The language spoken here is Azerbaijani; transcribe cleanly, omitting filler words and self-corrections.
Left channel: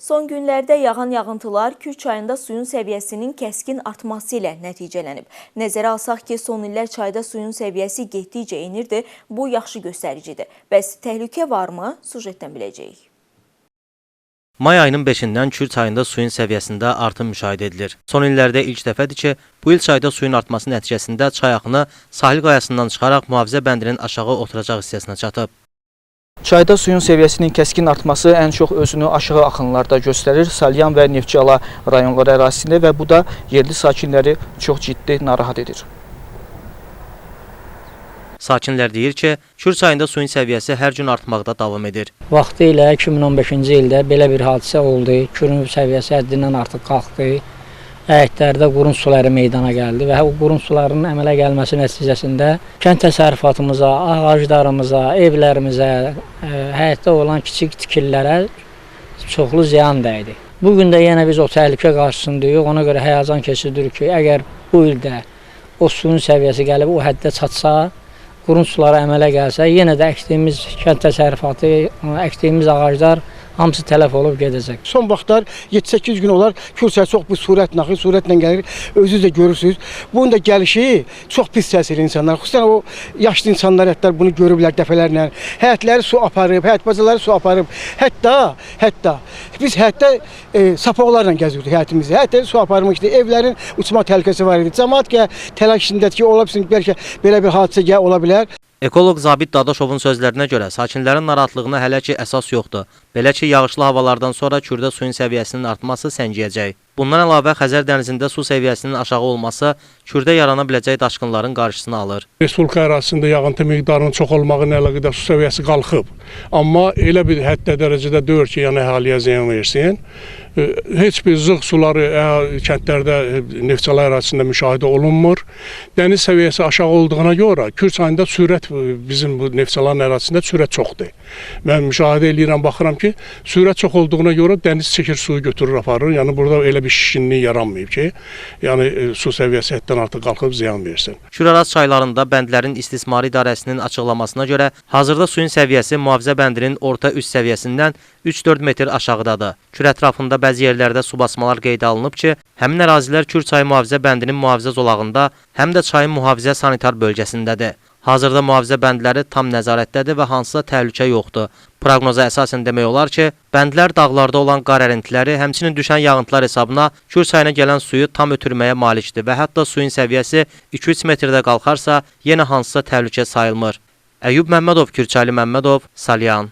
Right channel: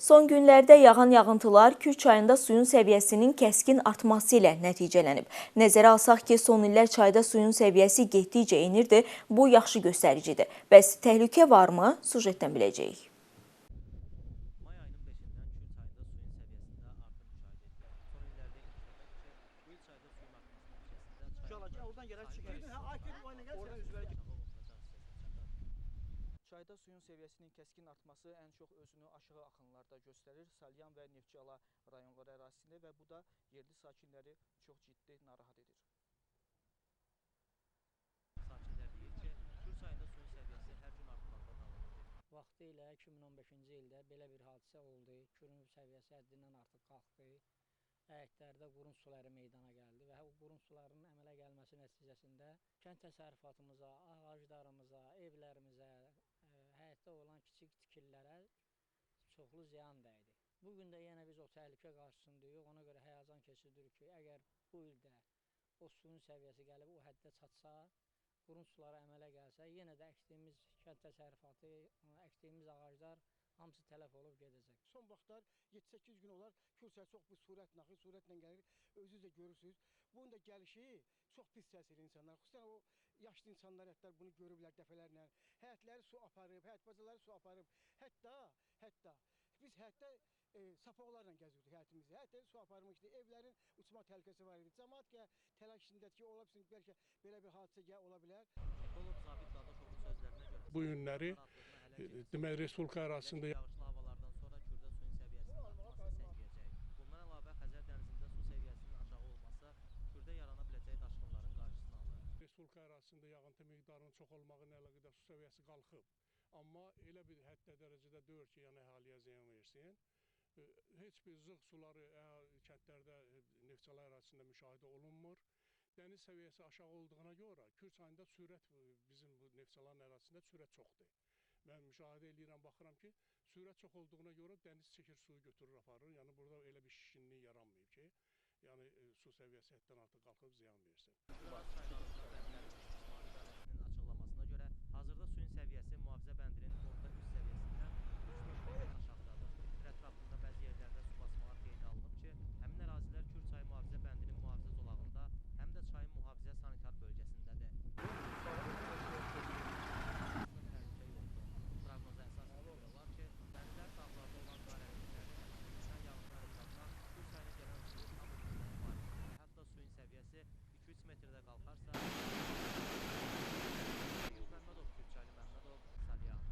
Son günlərdə yağan yağıntılar Kür çayında suyun səviyyəsinin kəskin artması ilə nəticələnib. Nəzərə alsaq ki, son illər çayda suyun səviyyəsi getdikcə enirdi, bu yaxşı göstəricidir. Bəs təhlükə varmı? Sujetdən biləcəyik. May ayının 5-dən Kür çayında suyun səviyyəsində artım müşahidə edilir. Son illərdə ilk dəfədir ki, bu il çayda suyun artması nəticəsində çay axını sahil qayasından çıxaraq mühafizə bəndinin aşağı oturacaq hissəsinə çatıb. Çayda suyun səviyyəsinin kəskin artması ən çox özünü aşağı axınlarda göstərir, Salyan və Neftçala rayonları ərazisində və bu da yerli sakinləri çox ciddi narahat edir. Sakinlər deyir ki, Kür çayında suyun səviyyəsi hər gün artmaqda davam edir. Vaxtı ilə 2015-ci ildə belə bir hadisə oldu. Kürün səviyyəsi həddindən artıq qalxdı. Həyətlərdə qurun suları meydana gəldi və o qurun sularının əmələ gəlməsi nəticəsində kənd təsərrüfatımıza, ağaclarımıza, evlərimizə, həyətdə olan kiçik tikililərə çoxlu ziyan dəydi. Bugün də yenə biz o təhlükə qarşısındayıq. Ona görə həyəcan keçiririk ki, əgər bu ildə o suyun səviyyəsi gəlib o həddə çatsa, qurun suları əmələ gəlsə, yenə də əkdiyimiz kənd təsərrüfatı, əkdiyimiz ağaclar hamısı tələf olub gedəcək. Son vaxtlar 7-8 gün olar Kür çayı çox bir sürətlə axır, sürətlə gəlir. Özünüz də görürsünüz. Bunun da gəlişi çox pis təsir insanlar. Xüsusən o yaşlı insanlar hətta bunu görüblər dəfələrlə. Həyətləri su aparıb, həyət bacaları su aparıb. Hətta biz həyətdə sapaqlarla gəzirdik həyətimizdə. Həyətdə su aparmışdı. Evlərin uçma təhlükəsi var idi. Cəmaət ki, təlaş içindədir ki, ola bilsin bəlkə belə bir hadisə ola bilər. Ekoloq Zabit Dadaşovun sözlərinə görə sakinlərin narahatlığına hələ ki əsas yoxdur. Belə ki, yağışlı havalardan sonra Kürdə suyun səviyyəsinin artması səngiyəcək. Bundan əlavə Xəzər dənizində su səviyyəsinin aşağı olması Kürdə yarana biləcək daşqınların qarşısını alır. Respublika ərazisində yağıntı miqdarının çox olmağı ilə əlaqədar su səviyyəsi qalxıb. Amma elə bir həddə dərəcədə deyil ki, yəni əhaliyə ziyan versin. Heç bir zığ suları kəndlərdə Neftçala ərazisində müşahidə olunmur. Dəniz səviyyəsi aşağı olduğuna görə Kür çayında sürət bizim bu Neftçalanın ərazisində sürət çoxdur. Mən müşahidə edirəm, baxıram ki, sürət çox olduğuna görə dəniz çəkir suyu götürür aparır. Yəni burada elə bir şişkinlik yaranmayıb ki, yəni su səviyyəsi həddən artıq qalxıb ziyan versin. Küraraz çaylarında bəndlərin istismarı idarəsinin açıqlamasına görə hazırda suyun səviyyəsi mühafizə bəndinin orta üst səviyyəsindən 3-4 metr aşağıdadır. Kür ətrafında bəzi yerlərdə su basmalar qeydə alınıb ki, həmin ərazilər Kür çayı mühafizə bəndinin mühafizə zolağında, həm də çayın mühafizə sanitar bölgəsindədir. Hazırda mühafizə bəndləri tam nəzarətdədir və hansısa təhlükə yoxdur. Proqnoza əsasən demək olar ki, bəndlər dağlarda olan qar ərintiləri, həmçinin düşən yağıntılar hesabına Kür çayına gələn suyu tam ötürməyə malikdir və hətta suyun səviyyəsi 2-3 metrdə qalxarsa, yenə hansısa təhlükə sayılmır. Əyyub Məmmədov, Kürçaylı Məmmədov, Salyan.